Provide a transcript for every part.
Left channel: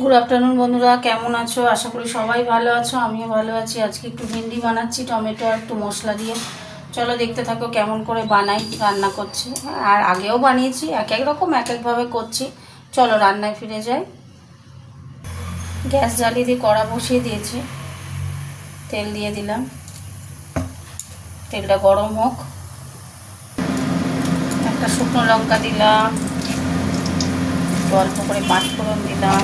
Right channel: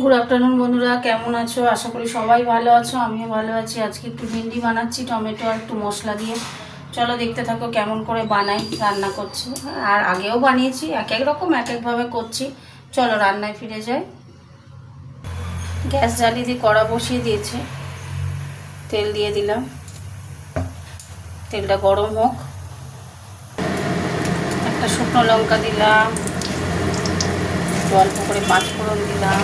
Good afternoon বন্ধুরা, কেমন আছো? আশা করি সবাই ভালো আছো, আমিও ভালো আছি। আজকে একটু ভিন্ডি বানাচ্ছি টমেটো আর একটু মশলা দিয়ে। চলো দেখতে থাকো কেমন করে বানাই, রান্না করছি। আর আগেও বানিয়েছি, এক এক রকম এক একভাবে করছি। চলো রান্নায় ফিরে যাই। গ্যাস জ্বালিয়ে দিয়ে কড়া বসিয়ে দিয়েছি, তেল দিয়ে দিলাম। তেলটা গরম হোক। একটা শুকনো লঙ্কা দিলাম, অল্প করে পাঁচফোড়ন দিলাম,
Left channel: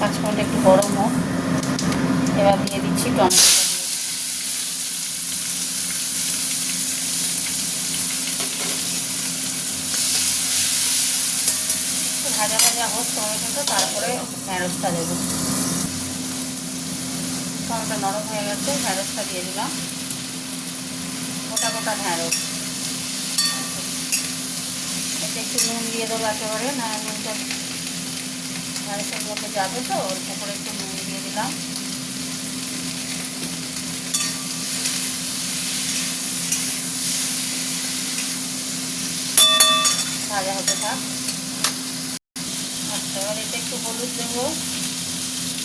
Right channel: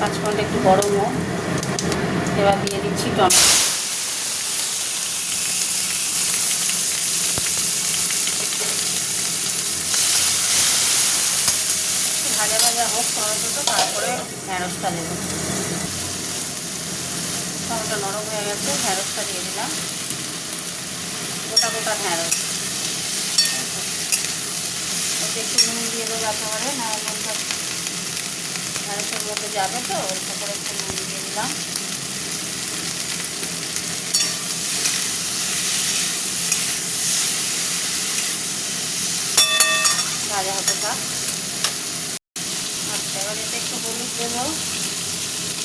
পাঁচফোড়নটা একটু গরম হোক। এবার দিয়ে দিচ্ছি টমেটো। ভাজা ভাজা হোক টমেটোটা, তারপরে ঢ্যাঁড়সটা দেবো। টমেটো নরম হয়ে গেছে, ঢ্যাঁড়সটা দিয়ে দিলাম। গোটা গোটা ঢ্যাঁড়স। এতে একটু নুন দিয়ে দেবো একেবারে, না নুনটা ঢ্যাঁড়সের মধ্যে যাবে তো, অল্প করে একটু নুন দিয়ে দিলাম। ভাজা হতে থাক। আচ্ছা, এবার এতে একটু হলুদ দেবো।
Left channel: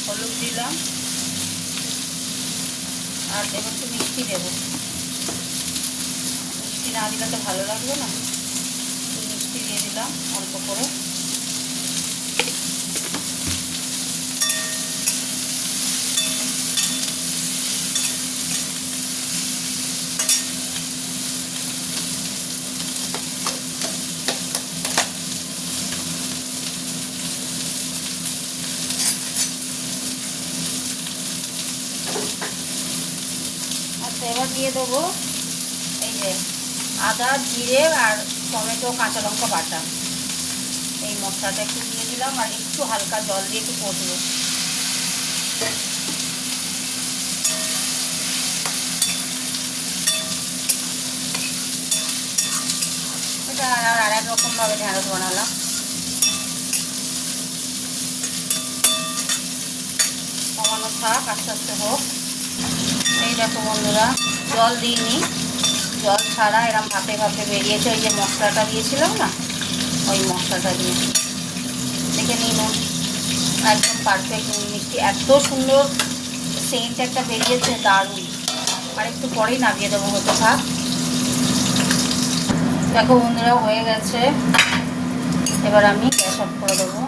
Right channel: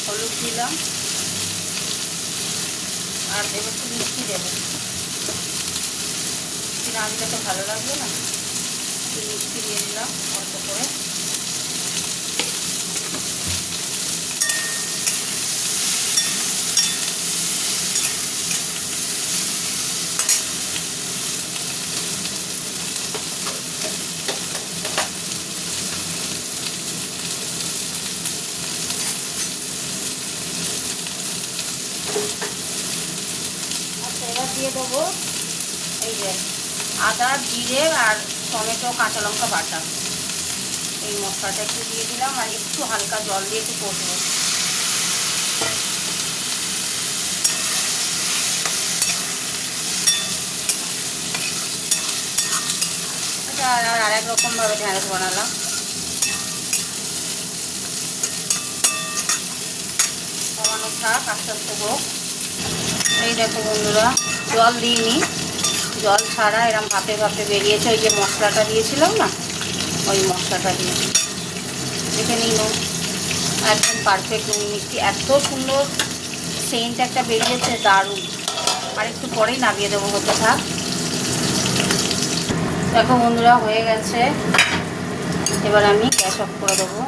হলুদ দিলাম। আর দেবো একটু মিষ্টি দেবো। মিষ্টি না দিলে তো ভালো লাগবে না, একটু মিষ্টি দিয়ে দিলাম অল্প করে। আচ্ছা, এবার দিয়ে দেবো এই যে আদা, জিরে আর টমেটো, কাঁচা লঙ্কা বাটা। এই মশলাটা একটু দিয়ে দিলাম, আর একটু হালকা জল দিয়ে একটু কষবো। এটা আর এক রকমভাবে ঢ্যাঁড়স বানালাম। কমানো থাক, আস্তে আস্তে হোক। এই দেখো বন্ধুরা, জল দিইনি, জল ছাড়া এরম ভাপে ভাপে বেরিয়েছে। ওই যে মশলাটা দিয়েছিলাম না, ওই মশলাটা দিয়ে দেখে নিন। একদম পারফেক্ট মিষ্টি, এত সুন্দর সেন্ট একটা বেরিয়েছে, দারুণ। আর একটু পরেই নামিয়ে দেবো, হতে থাক। দেখো বন্ধুরা, হয়ে গেছে। এবার আমি গ্যাস অফ করে দেবো।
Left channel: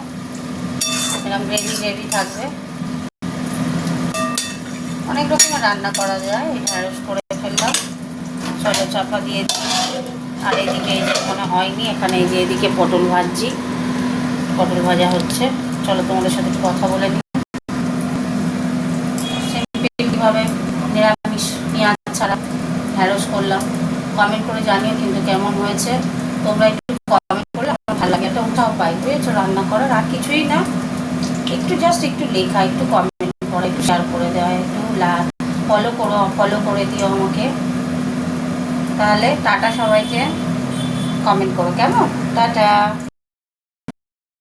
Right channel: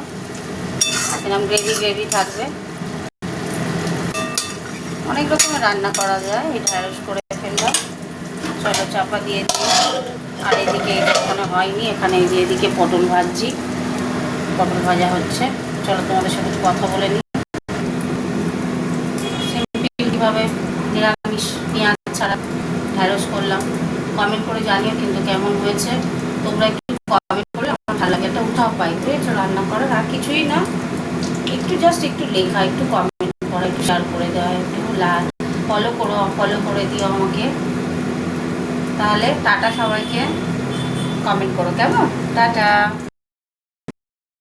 এরকম গ্রেভি গ্রেভি থাকবে। অনেক রকমের রান্না করা যায়। এই ঢ্যাঁড়স করে ফেললাম, চলো চাপা দিয়ে দিই। আর এদিকে এখানে হয়নি, এখানে এই যে এদিকে পটল ভাজছি, পটল ভাজা হচ্ছে। চলো তোমাদের সাথে একটু কথা বলে নিই। সিম্পলভাবে নিরামিষ পেঁয়াজ ছাড়া ঢ্যাঁড়স করলাম। কমেন্ট করে জানিও কিন্তু কেমন হয়েছে। তোমরা একটু কমেন্ট করলে আমার ভালো লাগে, একটা উৎসাহ পাই, বুঝেছো রান্না করার। আর কিছুই না, একটু জাস্ট একটু লেখা, একটু কমেন্ট করা, একটু শেয়ার করে দেওয়া, একটু ফলো করে দিও আমাকে। তাহলে টাটা সবাইকে। কমেন্ট করো কেমন। টাটা।